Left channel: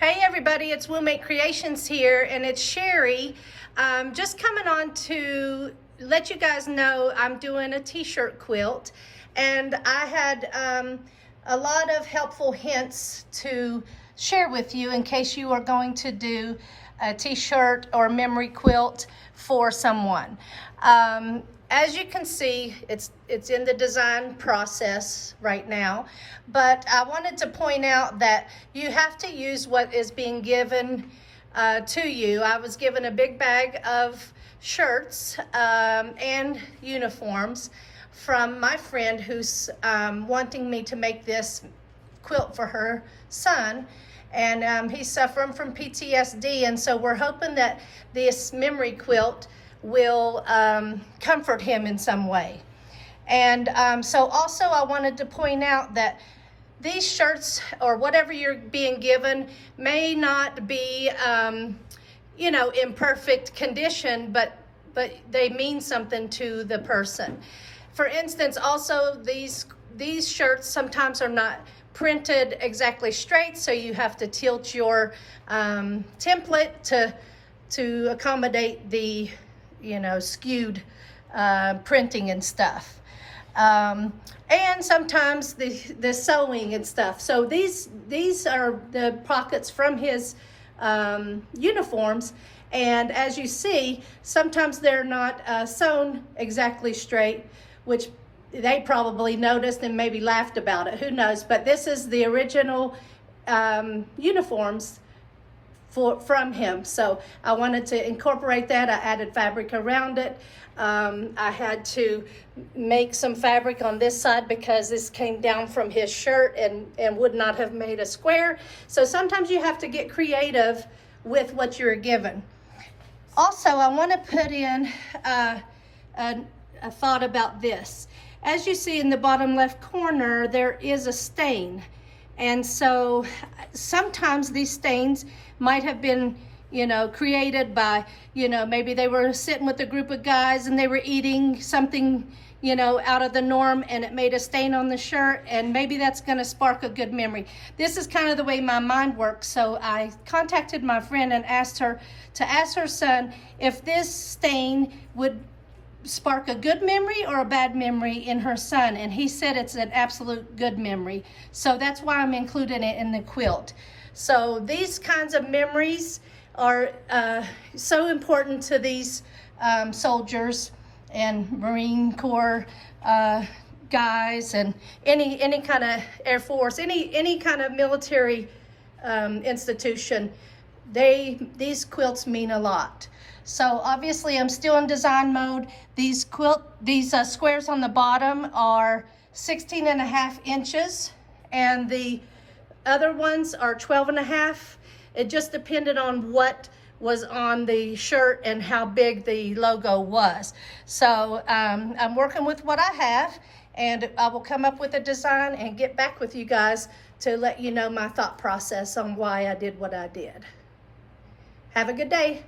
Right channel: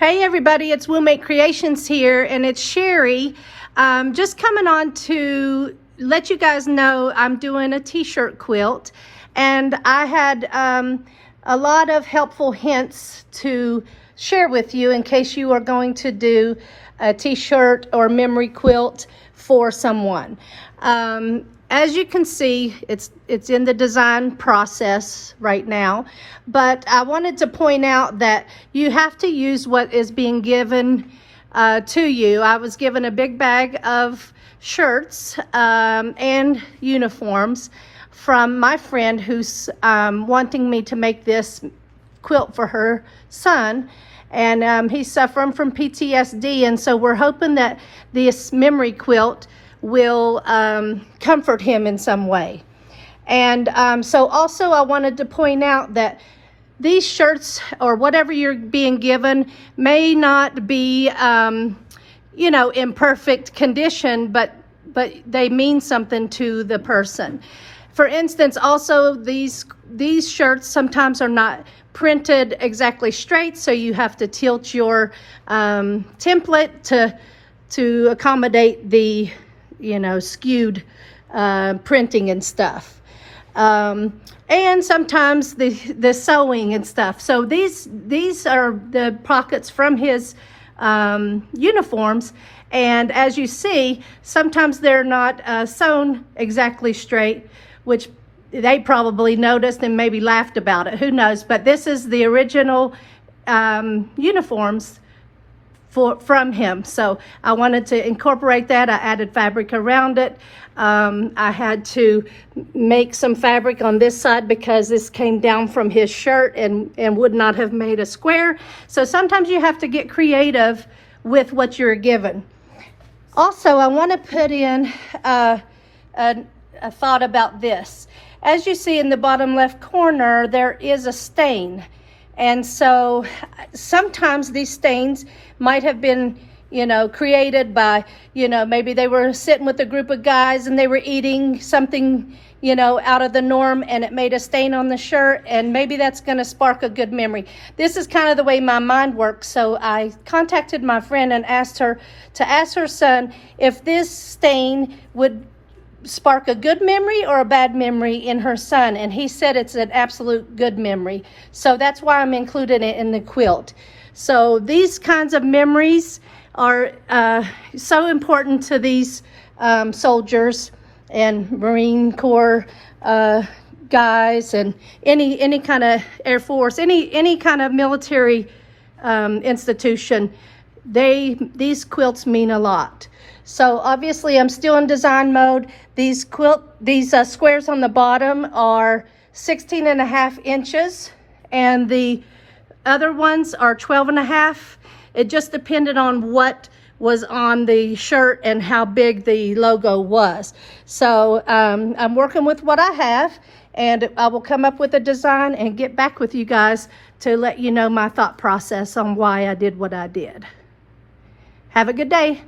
Hey everybody, it's We'll Make Creations here, and it's Sherry. Just coming on to let you guys know I'm doing a t-shirt quilt, and I had a lot of helpful hints to share with you in case you are going to do a t-shirt or memory quilt for someone. As you can see, it's in the design process right now, but I wanted to point out that you have to use what is being given to you. I was given a big bag of shirts and uniforms from my friend who's wanting me to make this quilt for her son, and he's suffering from PTSD, and so we're hoping that this memory quilt will comfort him in some way. And so also I wanted to point out that these shirts or whatever you're being given may not be you know, in perfect condition, but they mean something to the person. For instance, also these shirts sometimes are not printed exactly straight, so you have to tilt your template to accommodate the, you know, skewed printing and stuff, and sometimes the sewing and stuff. So these are the pockets from his uniforms, and as you see, sometimes they're not sewn exactly straight, which they probably noticed and maybe laughed about it, who knows. But this is the original uniforms from him, so I wanted to incorporate that. I added fabric around it. I had to make some fabric on this side because this came down from his shirt and would not have made a square. So sometimes you have to get creative with what you're given. Also, I want to put in a thought about this. As you see in the bottom left corner, there is a stain. And so sometimes these stains might have been, you know, created by, you know, maybe they were sitting with a group of guys and they were eating something, you know, out of the norm, and it made a stain on the shirt, and maybe that's going to spark a good memory. This is kind of the way my mind works. So I contacted my friend and asked her to ask her son if this stain would spark a good memory or a bad memory in her son, and he said it's an absolute good memory. So that's why I'm including it in the quilt. So these kinds of memories are so important to these soldiers and Marine Corps guys, and any kind of Air Force, any kind of military institution. These quilts mean a lot. So obviously I'm still in design mode. These squares on the bottom are 16.5 inches, and the other ones are 12.5. It just depended on what was on the shirt and how big the logo was. So I'm working with what I have, and I will come up with a design and get back with you guys to let you know my thought process on why I did what I did. Have a good day.